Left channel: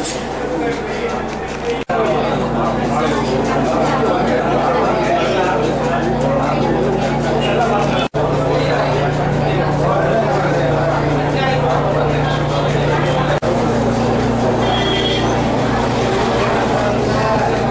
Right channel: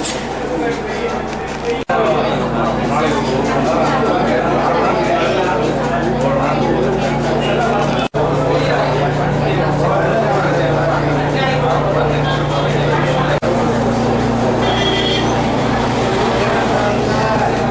Gracias.